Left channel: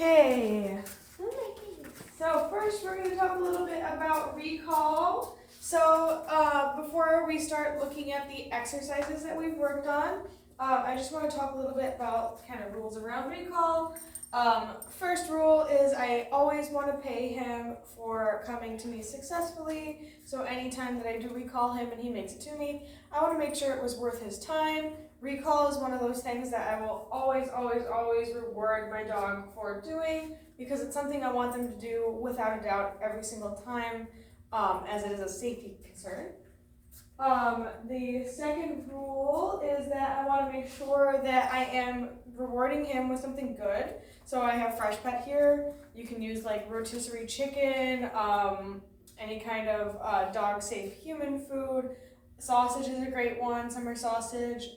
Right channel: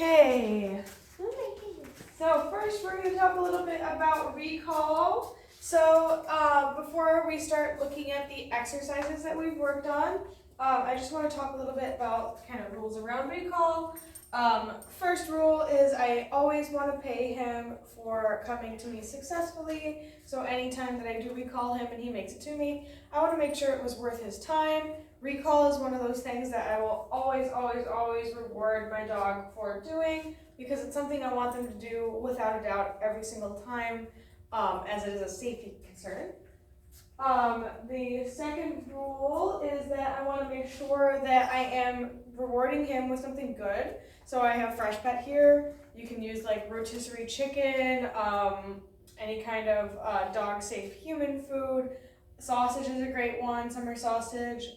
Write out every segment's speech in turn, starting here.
Okay. So first we're going to talk a little bit about recall. So before we start looking at the exercises that we've worked on, I just want to talk a little bit about kind of rules around recall. First rule is I always want to pay him for coming to me successfully. So anytime that I do recall him and he makes it to me, I want to make sure it was worth his time. Recall is one of those things that I will always reward my dog for doing because it's something I want them to do without a doubt every single time, as it is a safety concern. The second rule is that I want to make sure that I am rewarding him with something good. So I have Fresh Pet here. You can use like rotisserie chicken, any kind of dog safe human food. Sausage is a great one, summer sausage.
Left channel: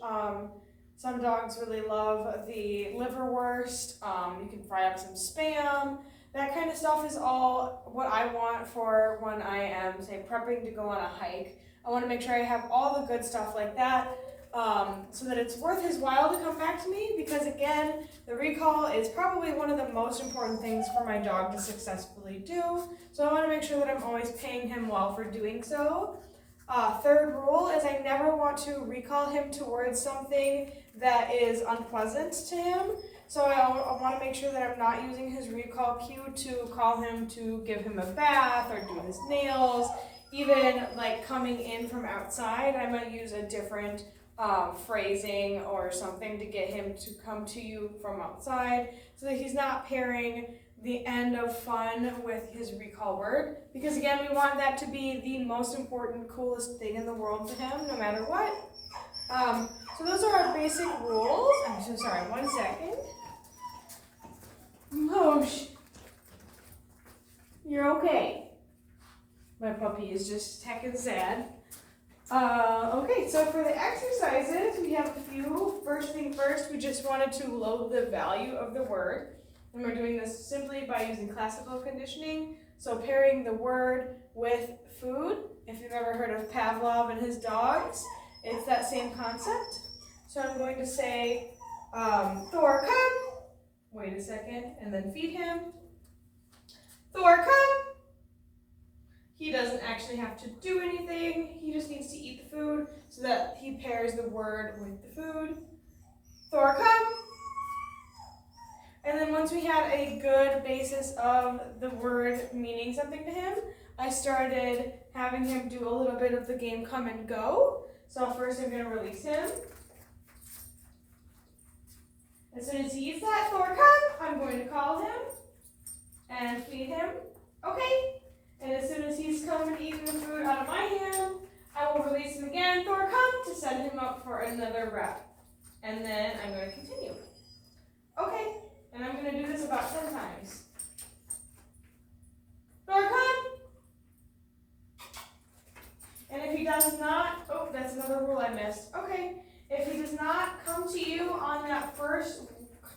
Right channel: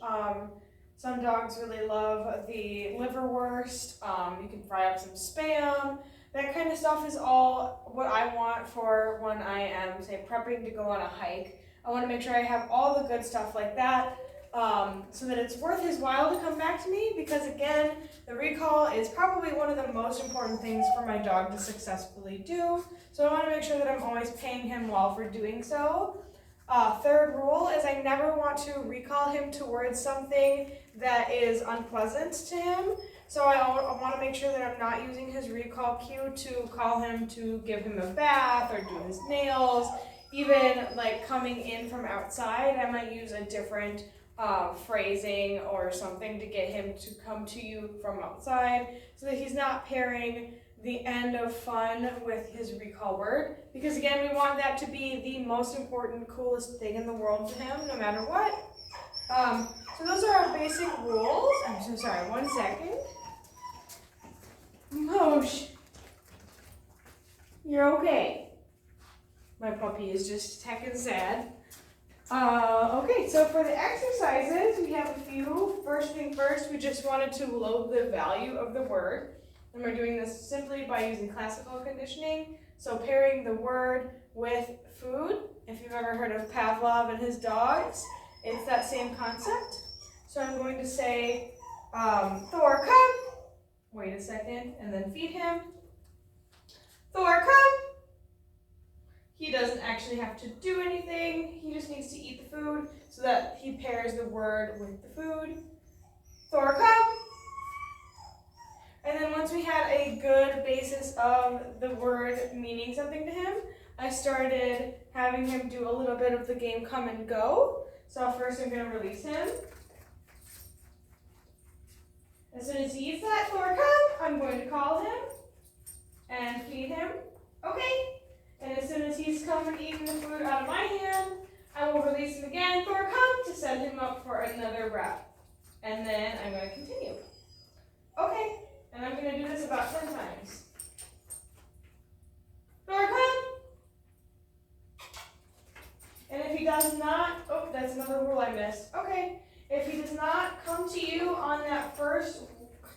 Some dogs really love the liverwurst. You can fry up some Spam. That kind of stuff is all what I want for when I am, say, prepping to go on a hike. I want to make sure I have all the good stuff like that, so that it's worth his while to come back to me, because again, the recall is probably one of the most important things for my dog to successfully do. So I want to make sure that I'm always paying him well for doing so. Third rule is I never want to recall him towards something that is unpleasant to him. So I want to make sure that I'm not using his recall cue to call him to give him a bath or do his nails. Even like coming in from outside, I might use a different phrasing or something to get him to come to you from outside so that he's not pairing the end of fun with his recall word, because again, we want that to be the most important, coolest thing in the world to him, no matter what. So those are our basic rules. I'm so sorry, 1 second. Moosh, you're okay. My puppy is just heckin' sad. Okay, so for the exercises, we have a few. First thing first, we just wanted to load the value of the word. And we're doing this simply by using classical conditioning. So pairing the word with food. If you've ever heard of Pavlov and his dogs, it's that same concept. So I'm going to say, Thor, come. Wait a second, and then feed him. Thor, come. He doesn't actually have to do anything. He just needs to eat the food so that he pairs the word with the food. Thor, come. And then once we had a good basis of the word meaning something to him, I started having him do a little bit of the game come and go. So first I'm going to release him. As soon as he eats that, Thor, come, I'm going to call him and feed him. Okay. And as soon as he's come and eaten the food out of my hand, I will release him again. Thor, come, to set him up for another wrap. And then I'm going to continue. Okay. And I'm going to do this about 10 times. Thor, come! And if he does not, oh, that's another rule I missed. Okay, if he does not come to you on that first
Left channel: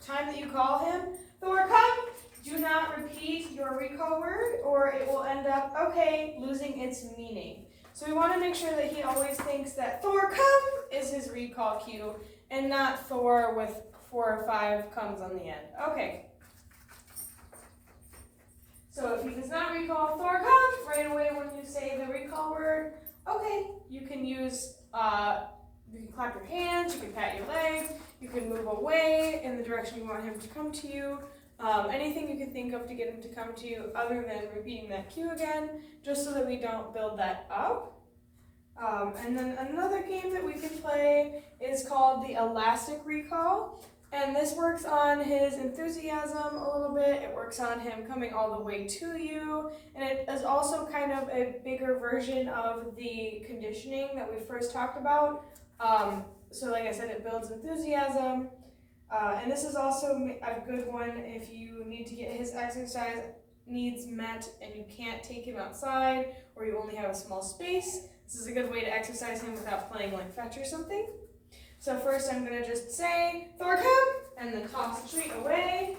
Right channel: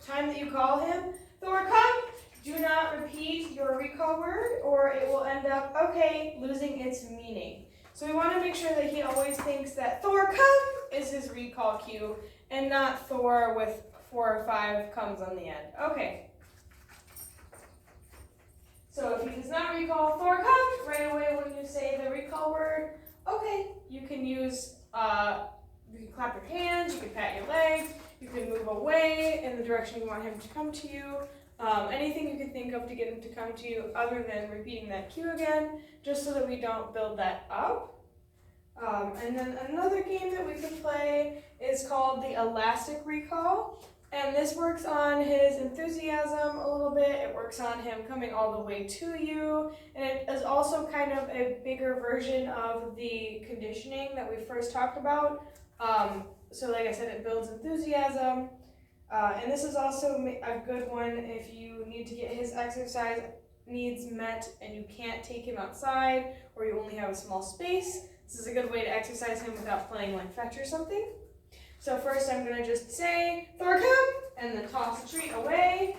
time that you call him, Thor, come! Do not repeat your recall word or it will end up, okay, losing its meaning. So we want to make sure that he always thinks that Thor, come is his recall cue and not Thor with 4 or 5 comes on the end. Okay. So if he does not recall Thor, come, right away when you say the recall word, okay, you can use, you can clap your hands, you can pat your legs, you can move away in the direction you want him to come to you. Anything you can think of to get him to come to you other than repeating that cue again, just so that we don't build that up. And then another game that we can play is called the elastic recall. And this works on his enthusiasm a little bit. It works on him coming all the way to you. And it is also kind of a bigger version of the conditioning that we first talked about. So like I said, it builds enthusiasm. And this is also a good one if you need to get his exercise needs met and you can't take him outside or you only have a small space. This is a good way to exercise him without playing like fetch or something. So first I'm going to just say, Thor, come, and then toss a treat away.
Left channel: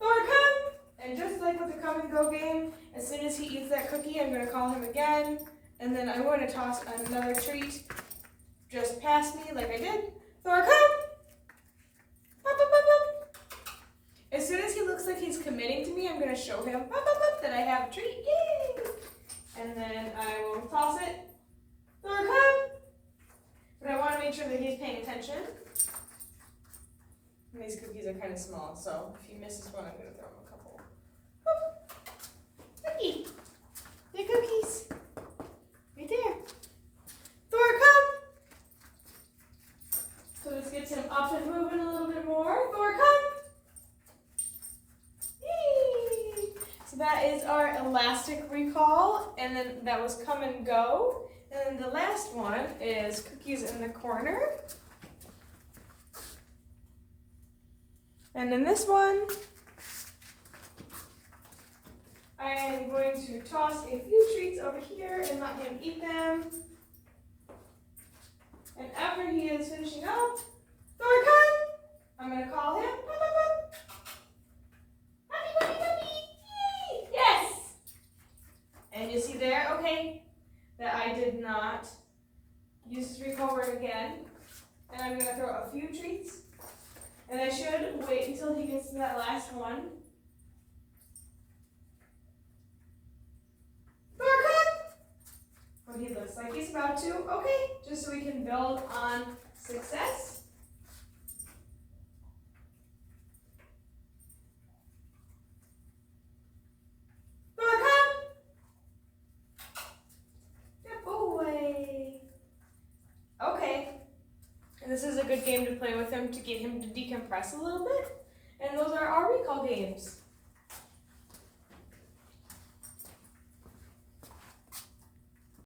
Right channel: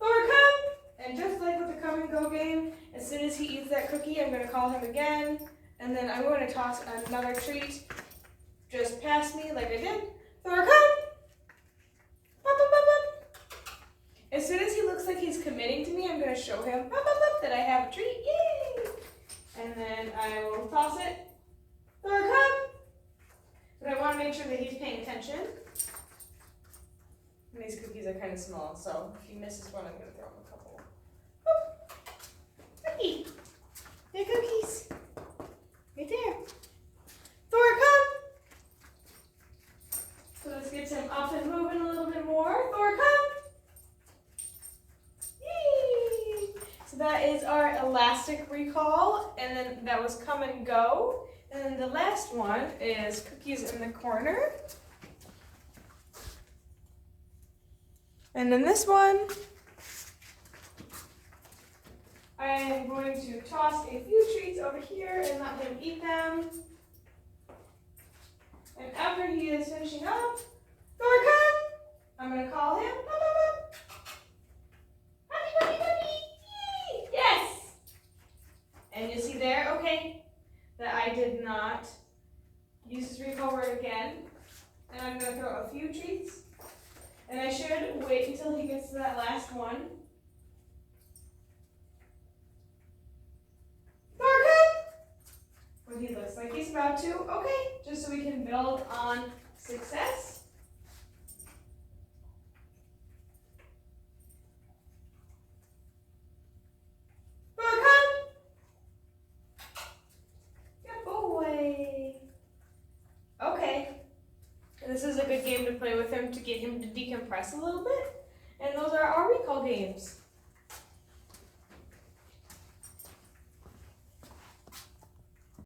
Thor, come! And just like with the come and go game, as soon as he eats that cookie, I'm going to call him again. And then I'm going to toss another treat just past me like I did. Thor, come! Pop, pop, pop, pop. As soon as he committing to me, I'm going to show him that I have a treat. Yay! And then I will toss it. Thor, come! But I want to make sure that he's paying attention. And these cookies are kind of small, so if he misses one, I'm going to throw him a couple. Whoop. Cookie! They're cookies. Right there. Thor, come! So this gets him up and moving a little bit more. Thor, come! Yay! So that is our elastic recall, and then that was come and go. And then the last one is cookies in the corner. And then this one, I am going to toss a few treats over here and let him eat them. And after he is finishing up, Thor, come! I'm going to call him. Happy puppy puppy! Yay! Yes! And you see there, okay, that I did not use his recall word again. And I'm going to throw a few treats. And I should wait until he gets to that last one. Thor, come! When he looks like he's about to. Okay, just so we can build on success. Thor, come! Good boy. Okay. And this is a good game to play with him to get him to decompress a little bit. And those are our recall games.